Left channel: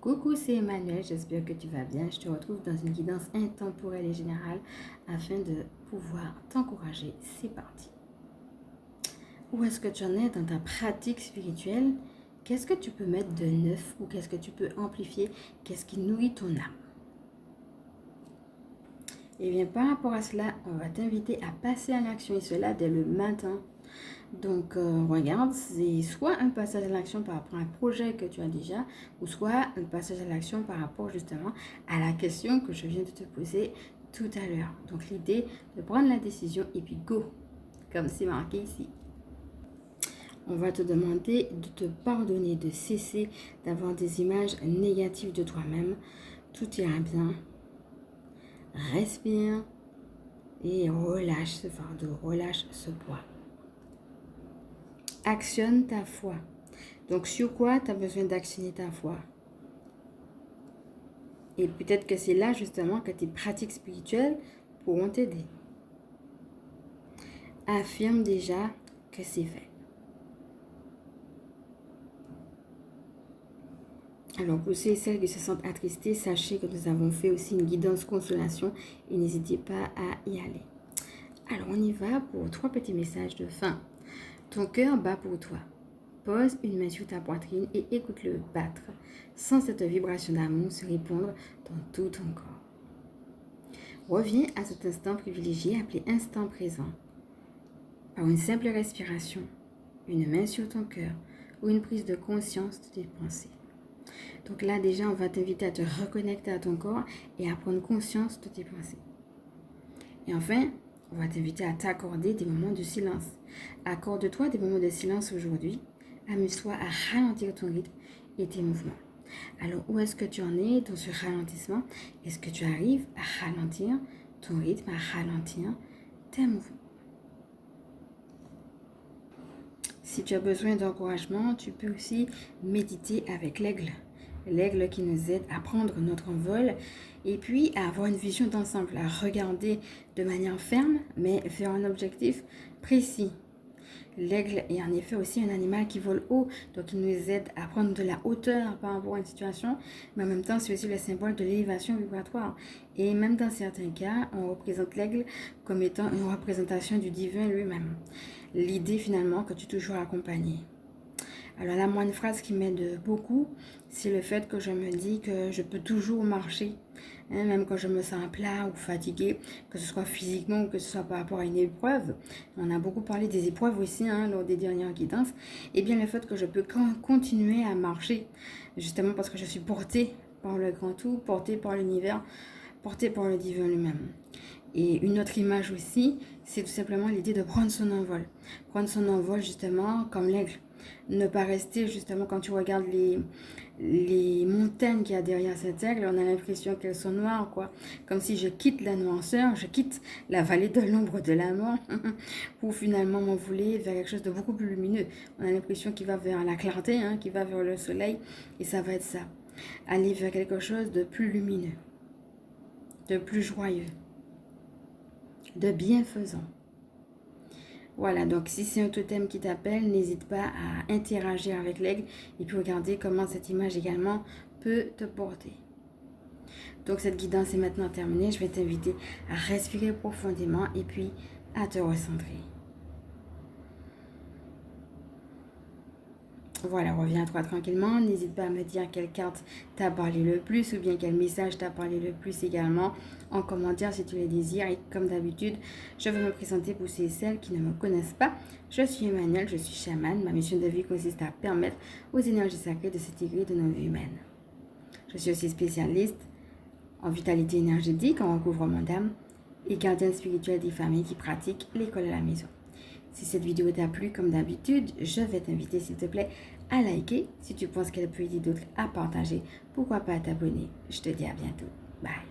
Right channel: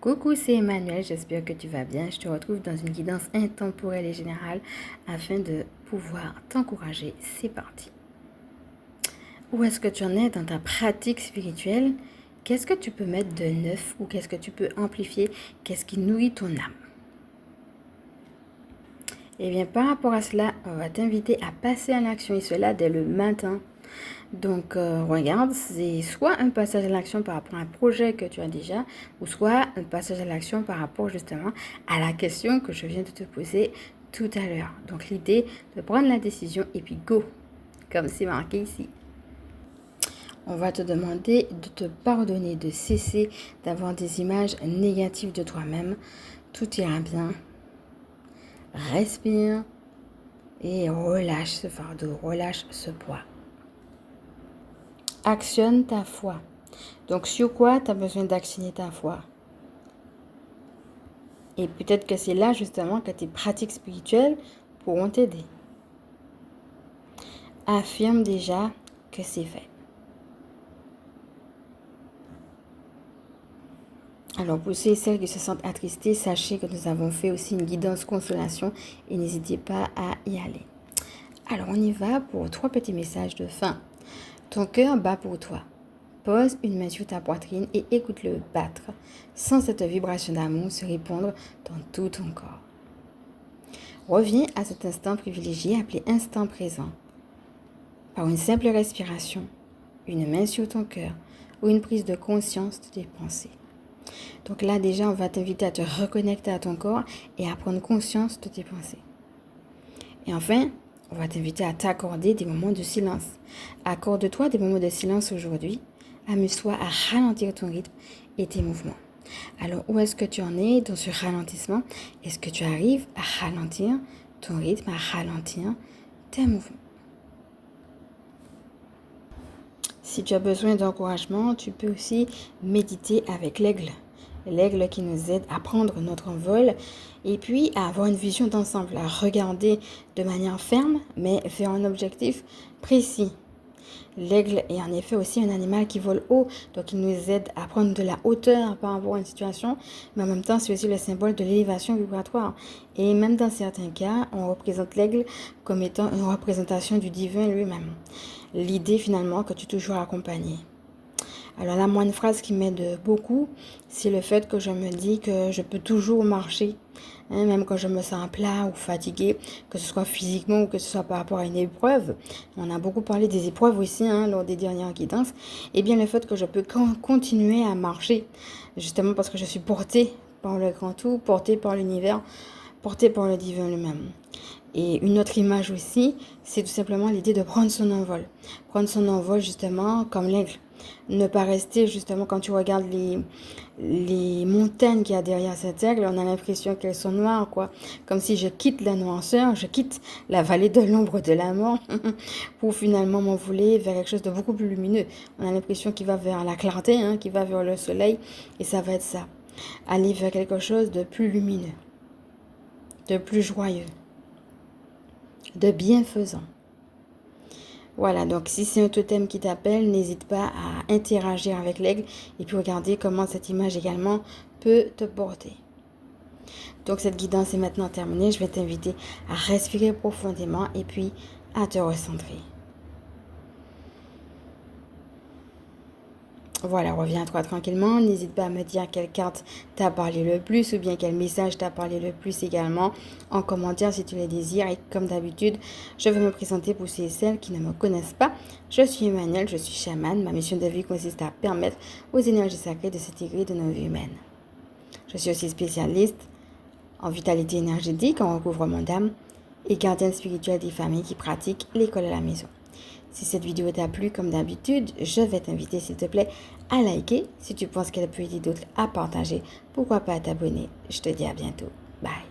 Coucou, c'est Emmanuel, j'espère que tu vas bien. Je te retrouve dans une guidance intemporelle et générale afin de pouvoir t'encourager. C'est parti. Où est-ce que tu en es dans ta pratique spirituelle? Qu'est-ce que tu peux mettre de neuf ou qu'est-ce que tu peux amplifier? Qu'est-ce qui nourrit ton âme? Eh bien, par rapport à cela, on va t'inviter à passer à l'action et cela dès le matin. Donc, regarde, c'est soit un passage à l'action par rapport à un projet que tu as déjà, ou soit un passage à l'action par rapport justement à la question que je viens de te poser tout à l'heure. Donc, l'idée de prendre la décision et puis go, comme c'est marqué ici. On va te demander de te pardonner, de cesser d'avoir des images négatives de toi-même. Tout ira bien. Respire et relâche ce fardeau, relâche ce poids. Actionne ta foi. Donc, sur quoi tu as besoin d'actionner ta foi? Et peut-être que c'est là, justement, que tes pratiques spirituelles pourront t'aider. Affirme déjà que c'est fait. Alors, pour ceux et celles qui se sentent attristées, sachez que nous avons fait aussi une guidance consolation et n'hésitez pas à y aller. Alors, on y va pour 3 petits messages de fin. Ton cœur bat pour toi. Pose une main sur ta poitrine et écoute-le battre. Sans cette vibration d'amour se répandre dans tout ton corps. Reviens à cet instant privilégié appelé instant présent. Par une simple respiration, une main sur ton cœur ou une prise de conscience de tes pensées. Donc là déjà, on va t'inviter à te reconnecter à ton corps et à prendre conscience de tes pensées. Et enfin, on va t'inviter à t'accorder des moments de silence. Accorde-toi des moments de silence aujourd'hui. Amuse-toi à ralentir ton rythme et tes mouvements. Alors, où est-ce que tu en es dans ce ralentissement? Est-ce que tu arrives à ralentir ton rythme, à ralentir tes mouvements? Si tu as besoin d'encouragement, tu peux aussi méditer avec l'aigle. L'aigle qui nous aide à prendre notre envol et puis à avoir une vision d'ensemble, à regarder de manière ferme, mais vers un objectif précis. L'aigle est en effet aussi un animal qui vole haut, donc il nous aide à prendre de la hauteur par rapport à une situation, mais en même temps c'est aussi le symbole de l'élévation vibratoire. Et même dans certains cas, on représente l'aigle comme étant une représentation du divin lui-même. L'idée finalement que tu es toujours accompagné. Alors là, moi, une phrase qui m'aide beaucoup, c'est le fait que je me dis que je peux toujours marcher, même quand je me sens plat ou fatiguée, que ce soit physiquement ou que ce soit par rapport à une épreuve. On a beaucoup parlé des épreuves aussi lors des dernières guidances. Et bien le fait que je peux continuer à marcher, justement parce que je suis portée par le grand tout, portée par l'univers, portée par le divin lui-même. Et une autre image aussi, c'est tout simplement l'idée de prendre son envol. Prendre son envol justement comme l'aigle. Ne pas rester justement quand tu regardes les montagnes qu'il y a derrière cet aigle, on a l'impression qu'elles sont noires, quoi. Comme si je quitte la noirceur, je quitte la vallée de l'ombre de la mort pour finalement m'envoler vers quelque chose de beaucoup plus lumineux. On a l'impression qu'il va vers la clarté, qu'il va vers le soleil, et ça va être ça. Aller vers quelque chose de plus lumineux, de plus joyeux, de bienfaisant. Voilà, donc si c'est un totem qui t'appelle, n'hésite pas à interagir avec l'aigle et puis regarder comment cette image également peut te porter. Donc cette guidance est maintenant terminée. Je vais t'inviter à respirer profondément et puis à te recentrer. Voilà, reviens à toi tranquillement. N'hésite pas à me dire quelle carte t'a parlé le plus ou bien quel message t'a parlé le plus également en commentaire si tu le désires. Et comme d'habitude, je vais me présenter pour ceux et celles qui ne me connaissent pas. Je suis Emmanuel, je suis chamane. Ma mission de vie consiste à permettre aux énergies sacrées de s'intégrer dans nos vies humaines. Je suis aussi spécialiste en vitalité énergétique, en recouvrement d'âme et gardienne spirituelle des familles qui pratiquent l'école à la maison. Si cette vidéo t'a plu, comme d'habitude, je vais t'inviter, s'il te plaît, à liker. Si tu penses qu'elle peut aider d'autres, à partager. Pourquoi pas à t'abonner. Je te dis à bientôt. Bye.